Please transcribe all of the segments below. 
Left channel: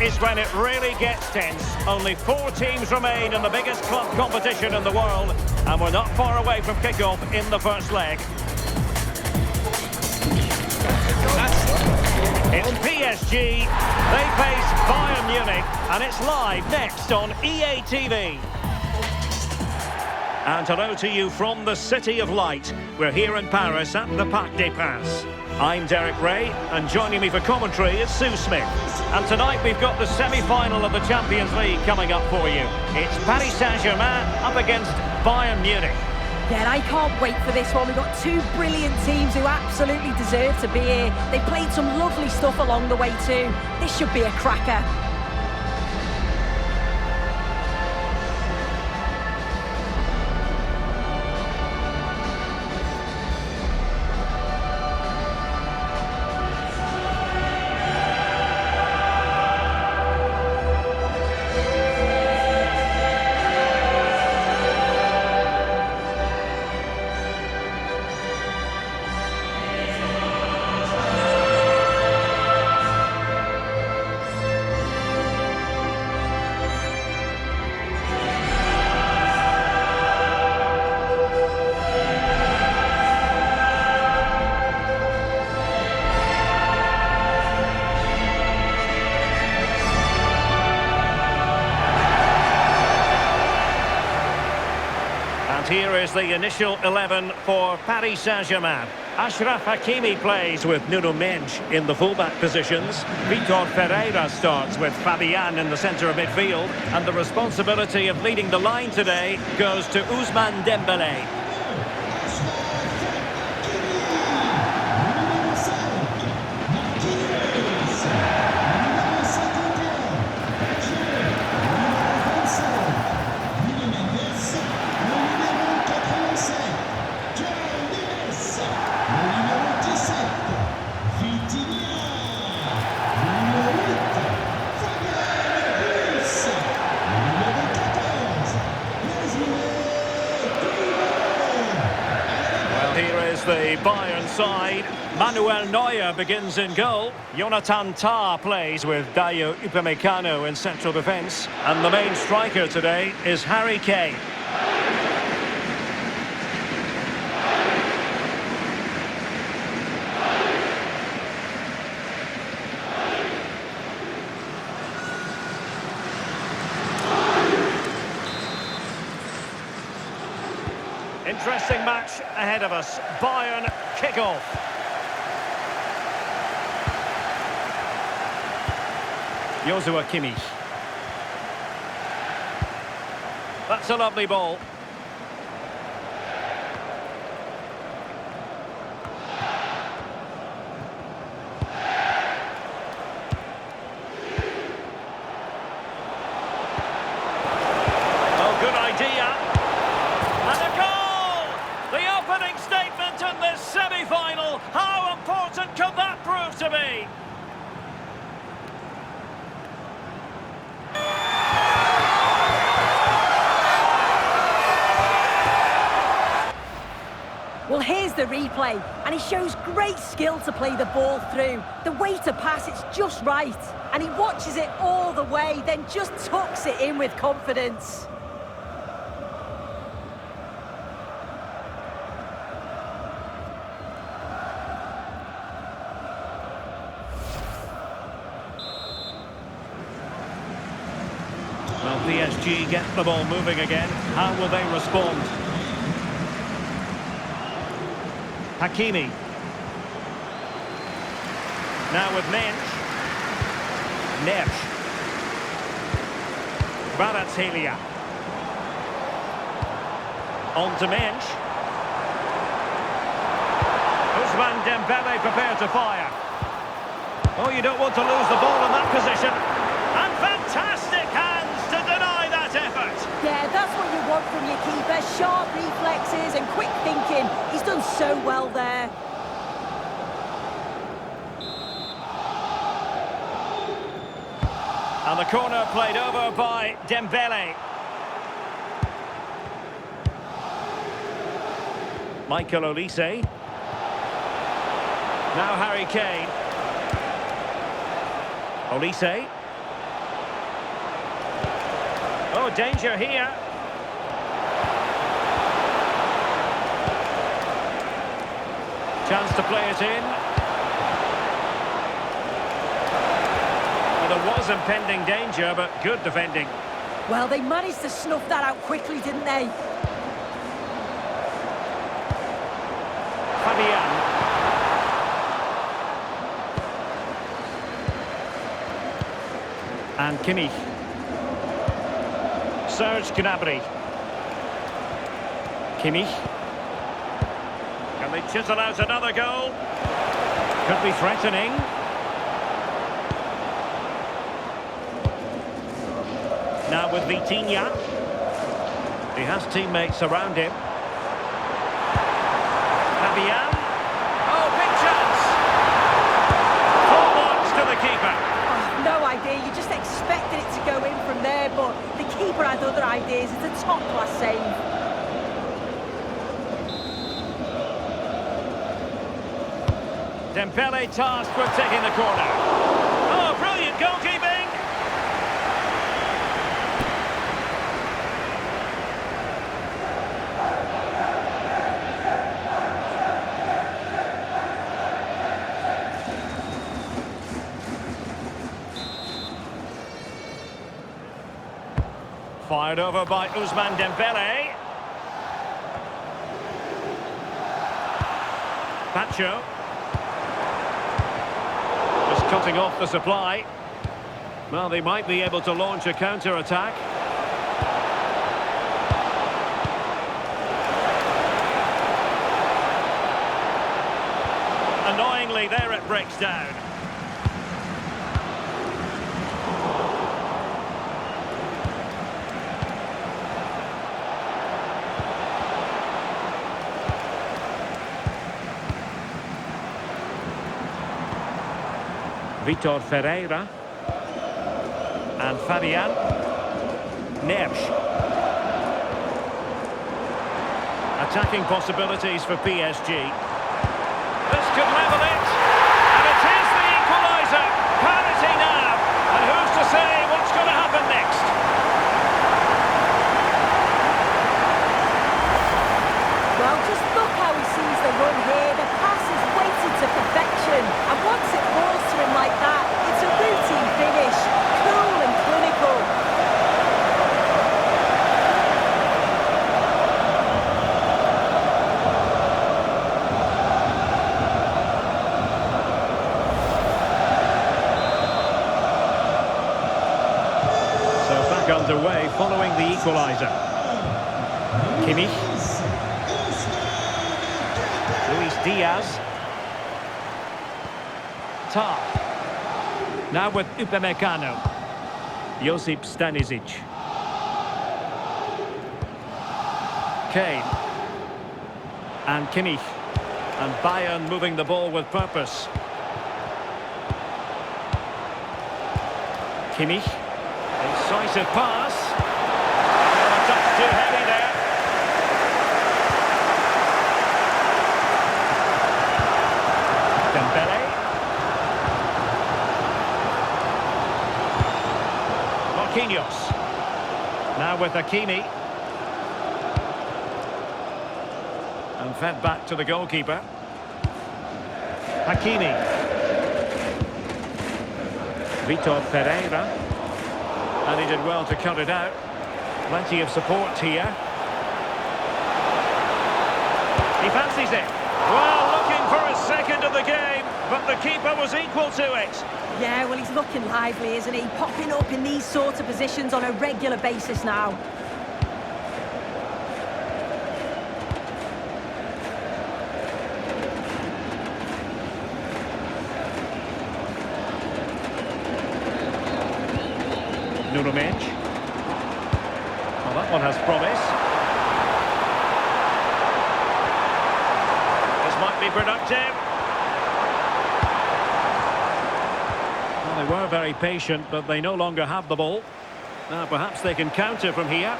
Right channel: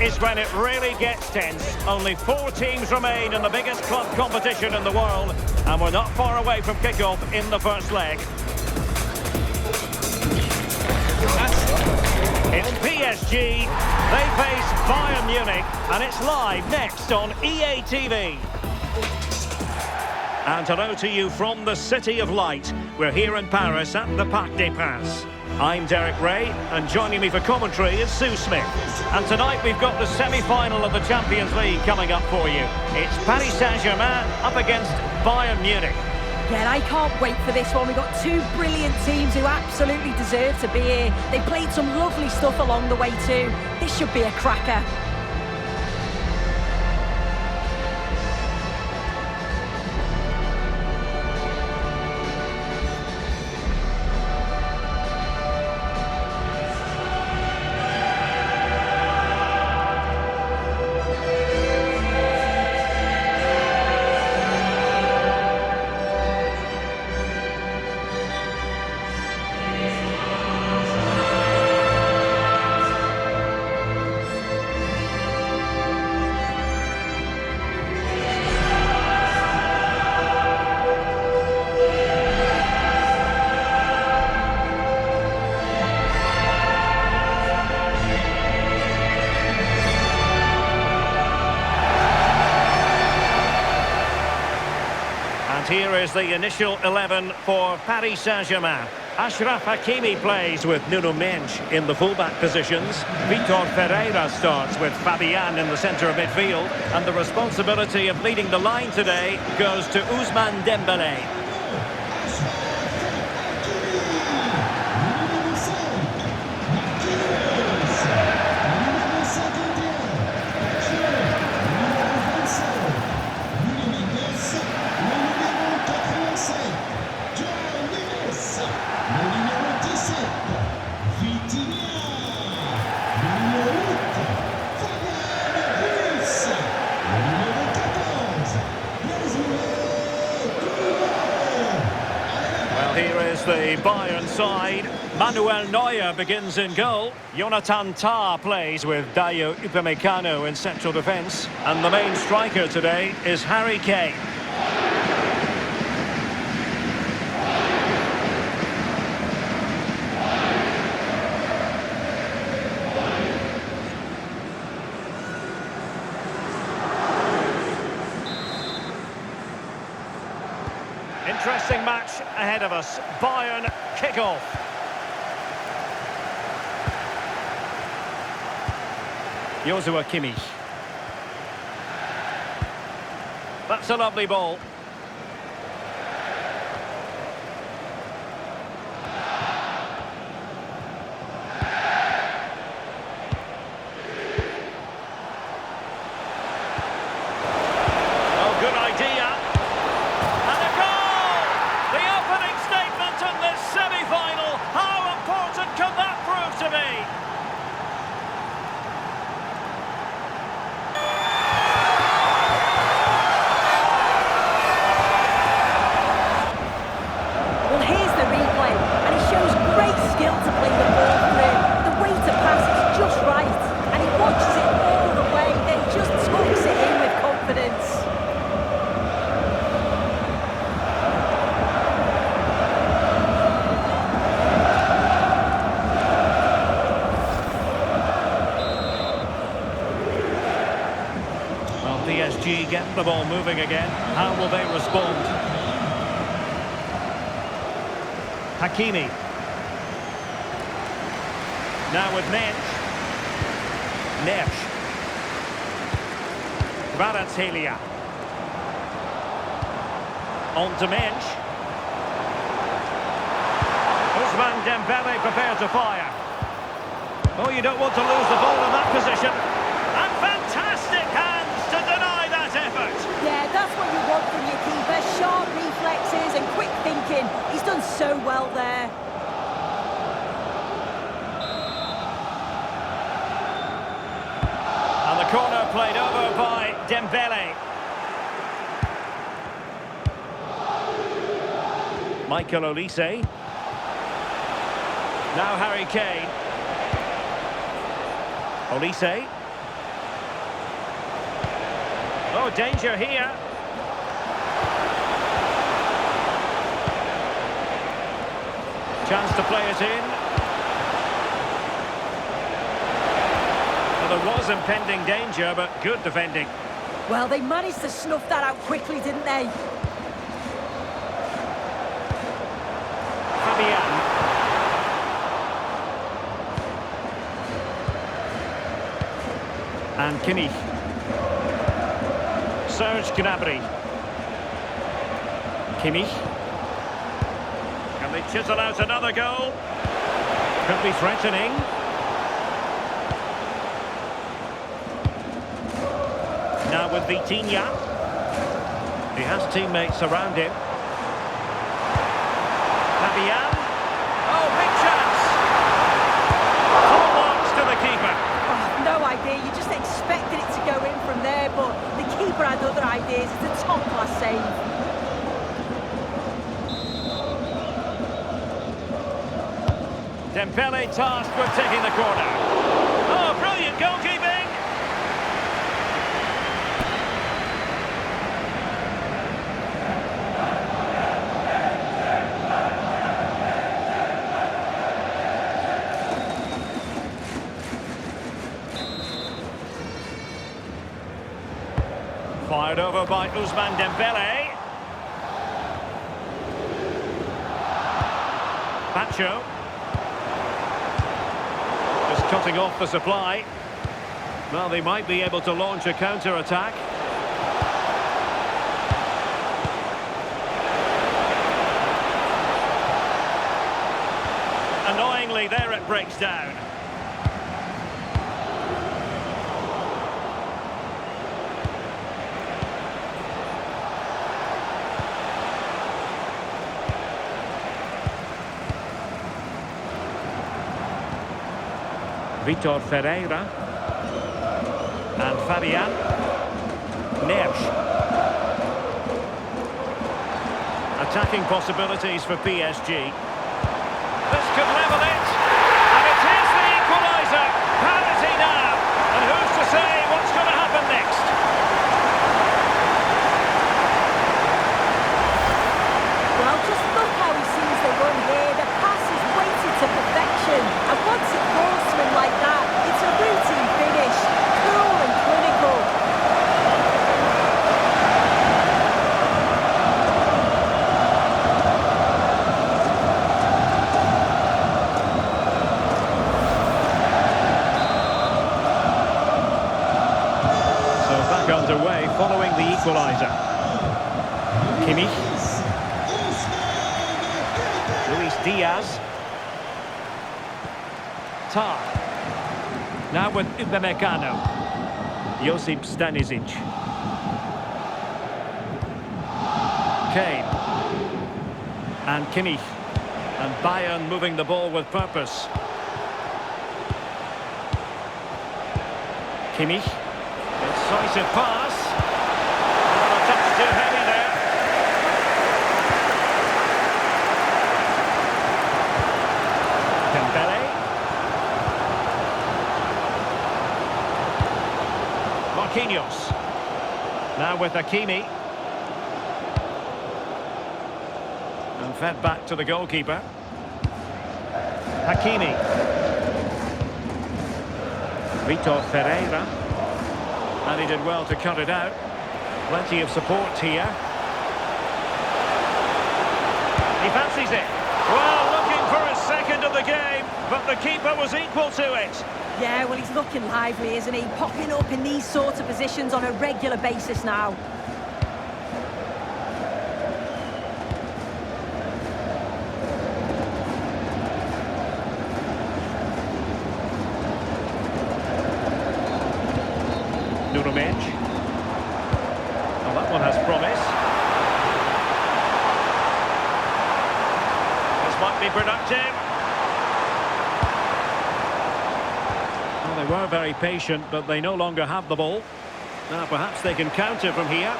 is when it really gets tense. Only 4 teams remain in the biggest club competition in the world, and we're not far away from kick-off in the first leg. It's PSG, they face Bayern Munich, and it's live next on EA TV. And hello to you from the City of Light. We're here in Paris at the Parc I'm Derek Ray, and joining me for commentary is Sue Smith. And tonight we've got the semi-final of the Champions League coming up for you. It's Paris Saint-Germain up against Bayern Munich. Yeah, I can't wait for this one. We've got 2 brilliant teams who absolutely deserve to be here. They played some lovely stuff along the way too. This should be a cracker. And here is the initial 11 for Paris Saint-Germain. Achraf Hakimi plays with Nuno Mendes in the fullback positions. Vitor Pereira starts with Fabian in the centre of midfield. And the responsibility of leading the line today goes to Ousmane Dembele. Here is the Bayern side. Manuel Neuer begins in goal. Jonathan Tah plays with Dayo Upamecano in central defence. And the main striker today is Harry Kane. Interesting match ahead of us. Bayern kick-off. Joshua Kimmich. That's a lovely ball. Oh, good idea. And a goal! The opening statement in this semi-final. How important could that prove to be? Well, here's the replay, and he shows great skill to play the ball through. The way to pass is just right, and he watches it all the way, then just tucks it in with confidence. Well, PSG get the ball moving again. How will they respond? Hakimi. Now with Mensch. Nesh. Kvaratskhelia. On to Mensch. Ousmane Dembele prepared to fire. Oh, you don't want to lose the ball in that position. And fantastic hands to deny that effort. Yeah, that's what you want from your keeper. Sharp reflexes and quick thinking. He's done so well there. And the corner played over by Dembele. Michael Olise. Now Harry Kane. Olise. Oh, danger here. Chance to play it in. Well, there was impending danger, but good defending. Well, they managed to snuff that out quickly, didn't they? Fabian. And Kimmich. Serge Gnabry. Kimmich. Can they chisel out another goal? Could be threatening. Now with Vitinha. He has teammates around him. Fabian. Oh, big chance! Full marks to the keeper. Oh, no idea. You just expected it to go in from there, but the keeper had other ideas. It's a top-class save. Dembele tasked with taking the corner. Oh, brilliant goalkeeping! Fired over by Ousmane Dembele. Pacho. Just cutting off the supply. Well, they might be able to launch a counter-attack. Annoyingly, there it breaks down. Vitor Ferreira and Fabian Nersch. Attacking possibilities for PSG. This could level it, and it is the equaliser. Parity now, and who's to say what's going to happen next? Well, just look how he sees the run here. The pass is weighted to perfection. And once it falls to him like that, it's a routine finish. Cool and clinical. So back underway following the equaliser. Kimmich. Luis Diaz. Tar. Now with Upamecano. Josip Stanisic. Kane. And Kimmich. And Bayern moving the ball with purpose. Kimmich. Incisive pass. Well, a touch too heavy there. Dembele. Marquinhos. Now with Hakimi. And fed back to the goalkeeper. Hakimi. Vitor Ferreira. And he did well to cut it out. Plenty of support here. He fancies it. Well, looking for his second of the game, but the keeper was equal to it. Yeah, well, he's looking lively, isn't he? Popping up in these sorts of positions on a regular basis now. Nuno Mendes. Well, that one has promise. This might be productive. Well, they were very patient, but they no longer have the ball. Now perhaps they can counter from here.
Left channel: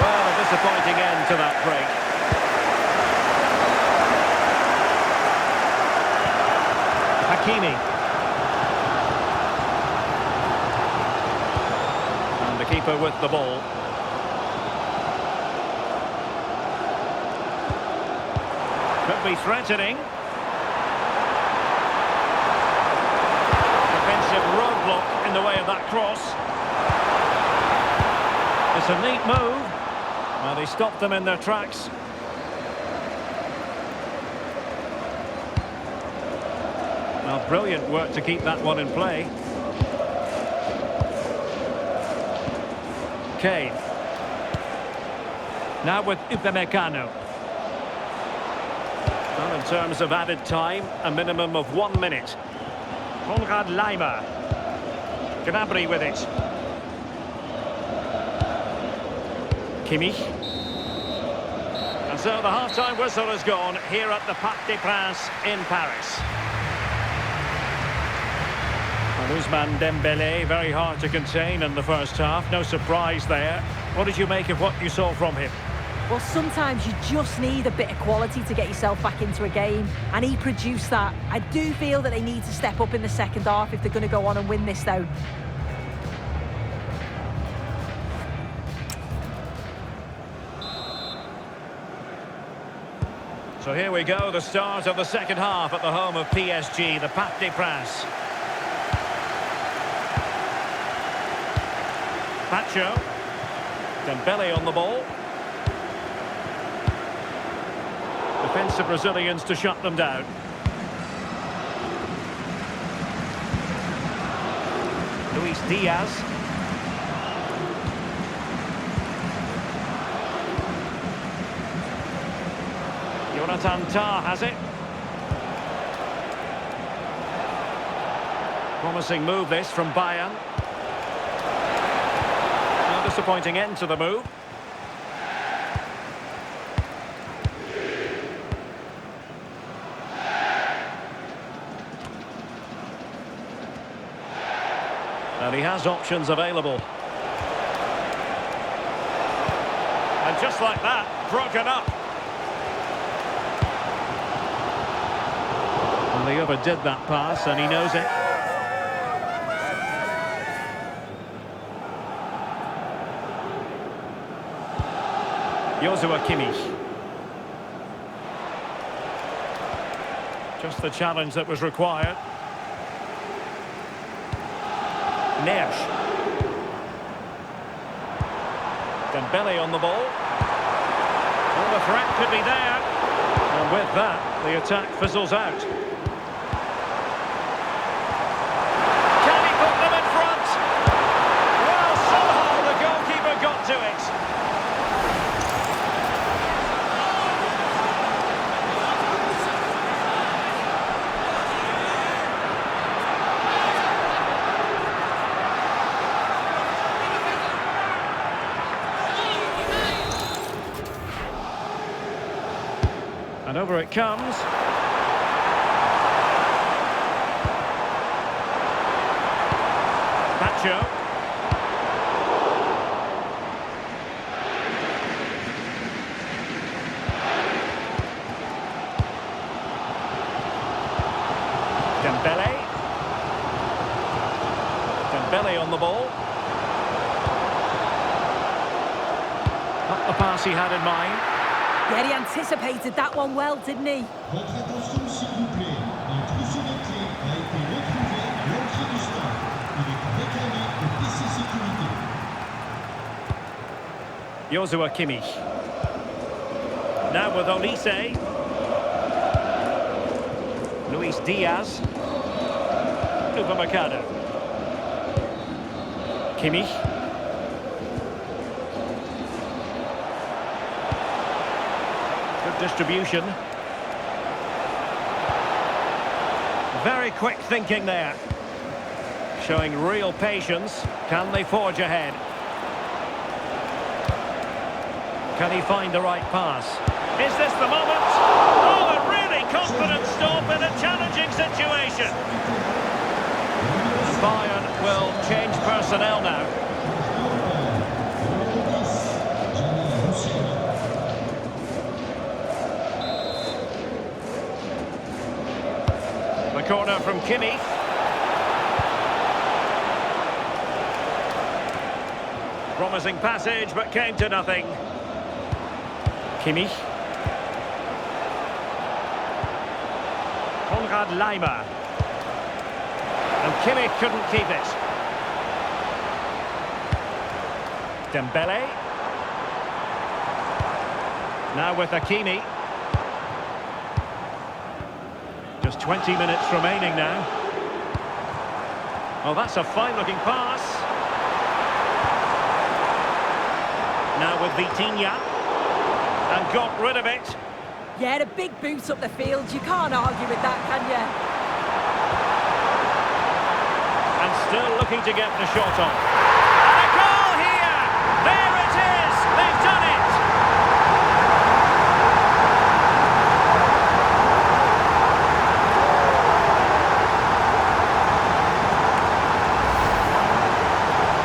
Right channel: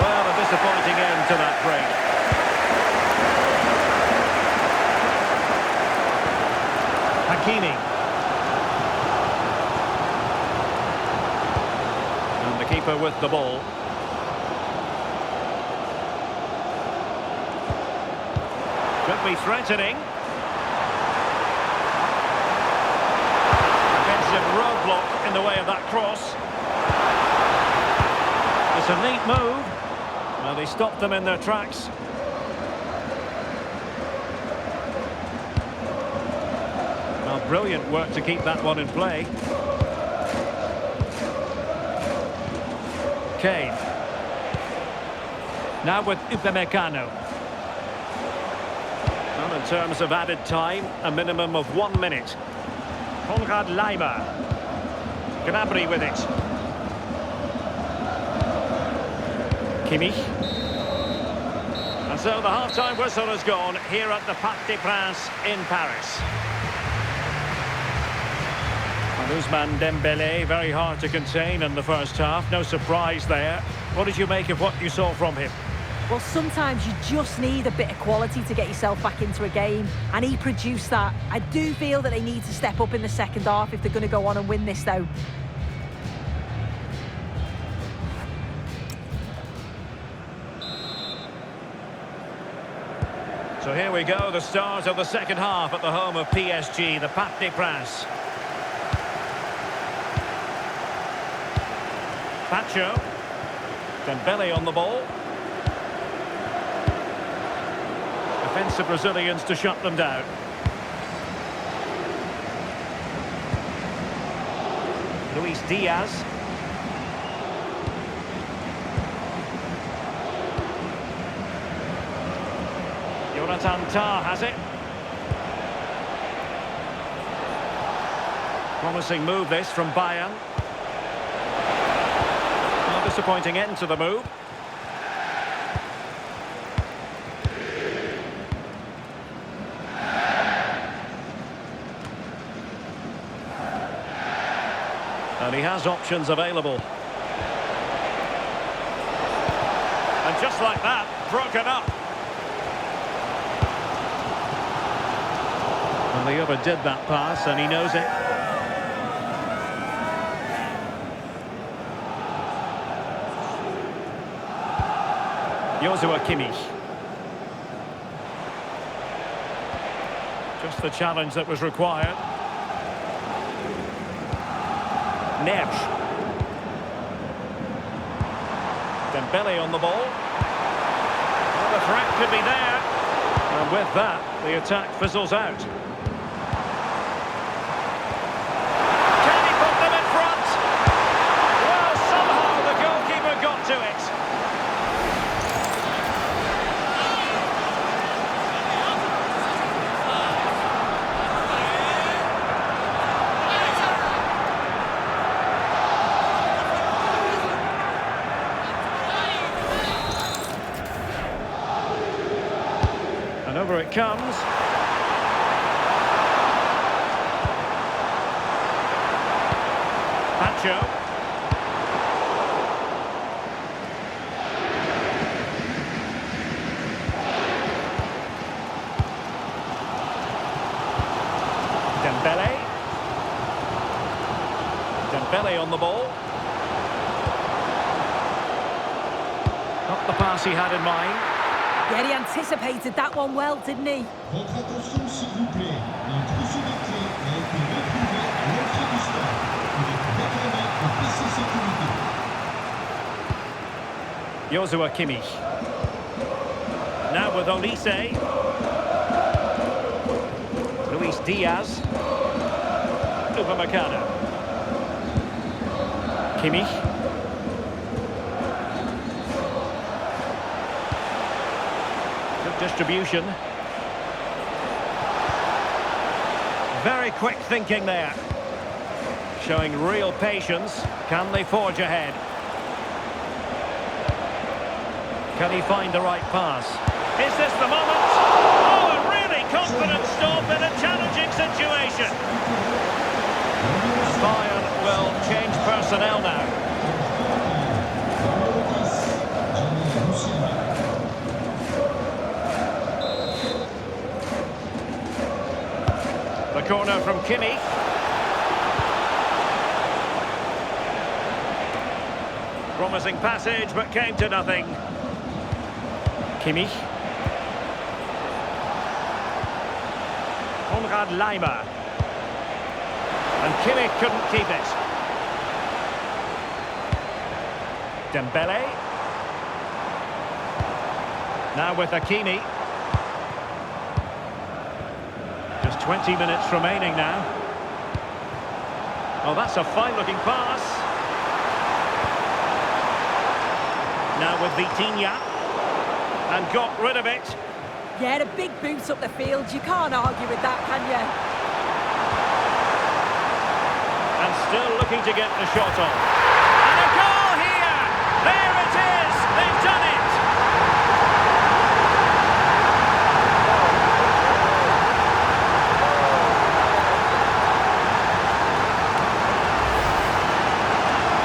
Well, a disappointing end to that break. And the keeper with the ball. Could be threatening. Defensive roadblock in the way of that cross. It's a neat move. Well, they stopped them in their tracks. Well, brilliant work to keep that one in play. Kane. Now with Upamecano. Well, in terms of added time, a minimum of 1 minute. Konrad Laimer. Gnabry with it. Kimmich. And so the half-time whistle has gone here at the Parc des Princes in Paris. And Ousmane Dembele, very hard to contain in the first half. No surprise there. What did you make of what you saw from him? Well, sometimes you just need a bit of quality to get yourself back into a game, and he produced that. I do feel that they need to step up in the second half if they're going to go on and win this, though. So here we go, the start of the second half at the home of PSG, the Parc des Princes. Pacho. Dembele on the ball. Defensive Brazilians to shut them down. Luis Diaz. Jonathan Tah has it. Promising move this from Bayern. Not a disappointing end to the move. And he has options available. And just like that, broken up. Well, he overdid that pass, and he knows it. Joshua Kimmich. Just the challenge that was required. Nersch. Dembele on the ball. Well, the threat could be there. And with that, the attack fizzles out. Can he put them in front? Well, somehow the goalkeeper got to it. And over it comes. Pacho. Dembele. Dembele on the ball. Not the pass he had in mind. Yeah, he anticipated that one well, didn't he? Votre attention, s'il vous plaît. Un trousseau de clés a été retrouvé à l'entrée du stade. Il est réclamé au PC Sécurité. Joshua Kimmich. Now with Olise. Luis Diaz. Upamecano. Kimmich. Good distribution. Very quick thinking there. Showing real patience. Can they forge ahead? Can he find the right pass? Is this the moment? Oh, a really confident stop in a challenging situation. And Bayern will change personnel now. The corner from Kimmich. Promising passage, but came to nothing. Kimmich. Konrad Laimer. And Kimmich couldn't keep it. Dembele. Now with Hakimi. Just 20 minutes remaining now. Oh, that's a fine-looking pass. Now with Vitinha. And got rid of it. Yeah, a big boot up the field. You can't argue with that, can you? And still looking to get the shot on. And a goal here! There it is! They've done it!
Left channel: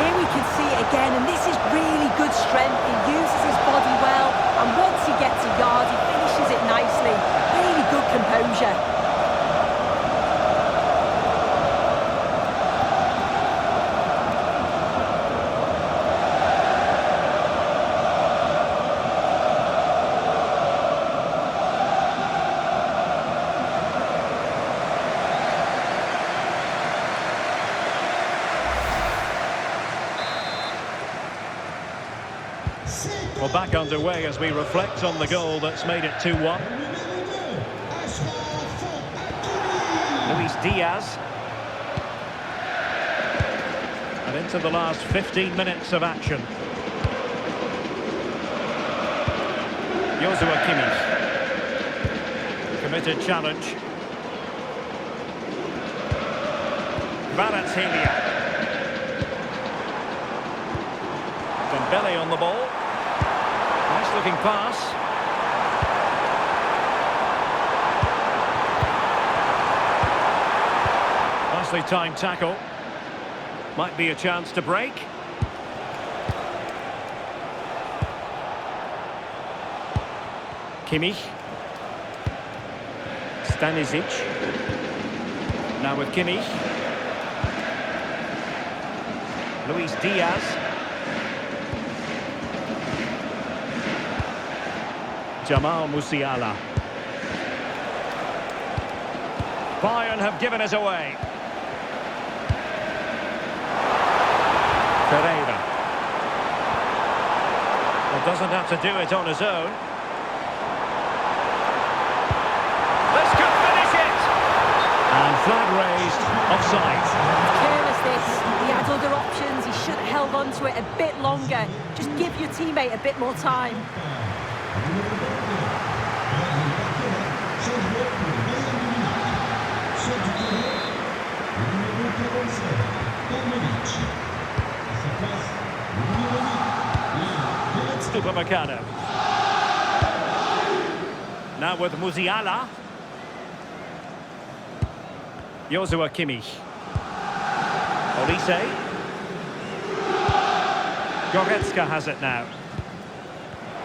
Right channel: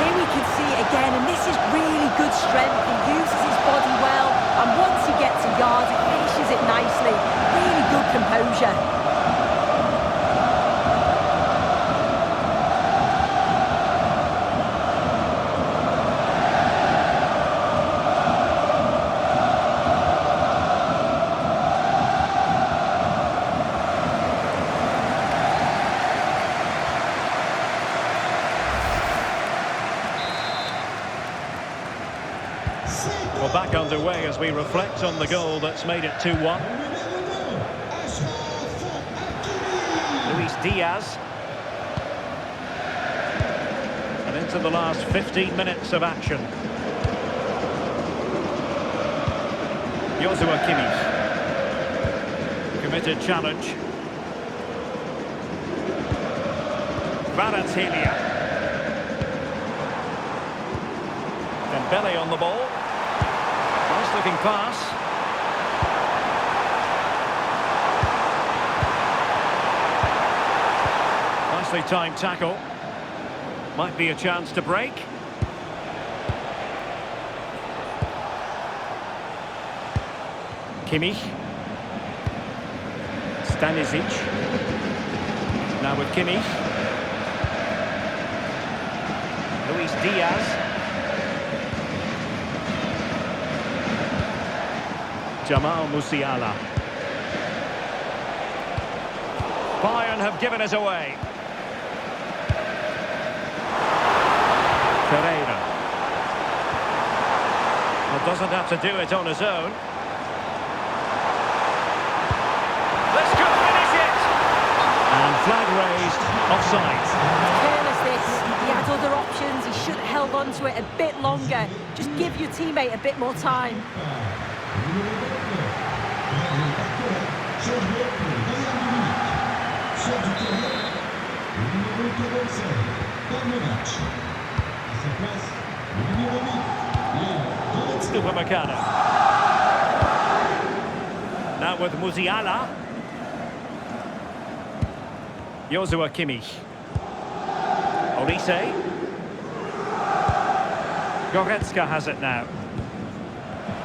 Here we can see it again, and this is really good strength. He uses his body well, and once he gets a yard, he finishes it nicely. Really good composure. Well, back underway as we reflect on the goal that's made it 2-1. Luis Diaz. And into the last 15 minutes of action. Joshua Kimmich. Committed challenge. Kvaratskhelia. Dembele on the ball. Nice looking pass. Nicely timed tackle. Might be a chance to break. Kimmich. Stanisic. Now with Kimmich. Luis Diaz. Jamal Musiala. Bayern have given us away. Ferreira. Well, doesn't have to do it on his own. This could finish it! And flag raised, offside. Careless this. He had other options. He should have held on to it a bit longer. Just give your teammate a bit more time. Changement pour le Bayern de Munich. Sort du terrain, le numéro 47, Pavlovic. À sa place, le numéro 8, Léon Goretzka. Upamecano. Now with Musiala. Joshua Kimmich. Olise. Goretzka has it now.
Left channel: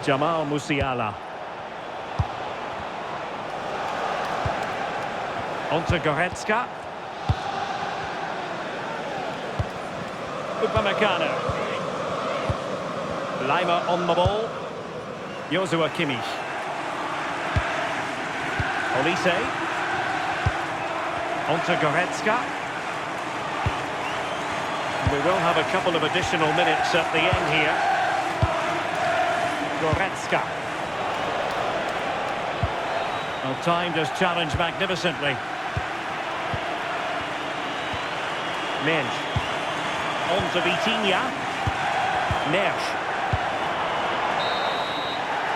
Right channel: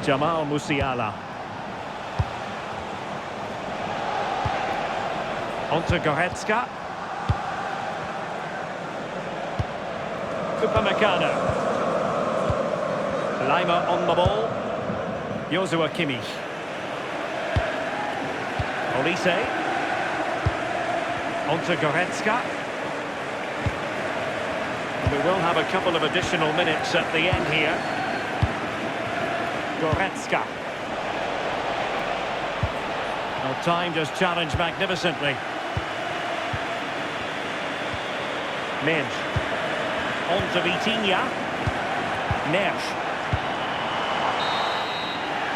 Jamal Musiala. Onto Goretzka. Upamecano. Laimer on the ball. Joshua Kimmich. Olise. Onto Goretzka. We will have a couple of additional minutes at the end here. Goretzka. Well, timed his challenge magnificently. Mensch. On to Vitinha. Nersch.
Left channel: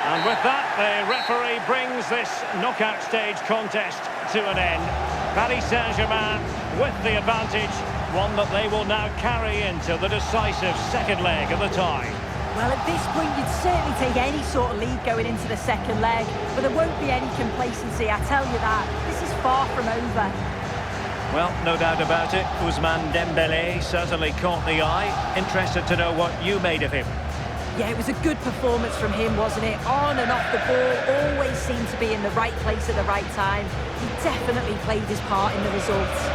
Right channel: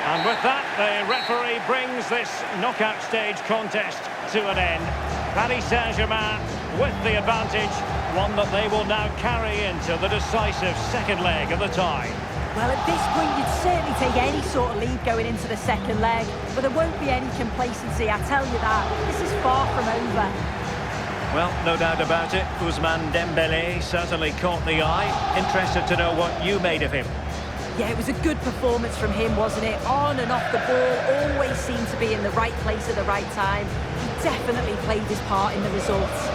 And with that, the referee brings this knockout stage contest to an end. Paris Saint-Germain with the advantage, one that they will now carry into the decisive second leg of the tie. Well, at this point, you'd certainly take any sort of lead going into the second leg, but there won't be any complacency, I tell you that. This is far from over. Well, no doubt about it. Ousmane Dembele certainly caught the eye. Interested to know what you made of him. Yeah, it was a good performance from him, wasn't it? On and off the ball, always seemed to be in the right place at the right time. He definitely played his part in the results.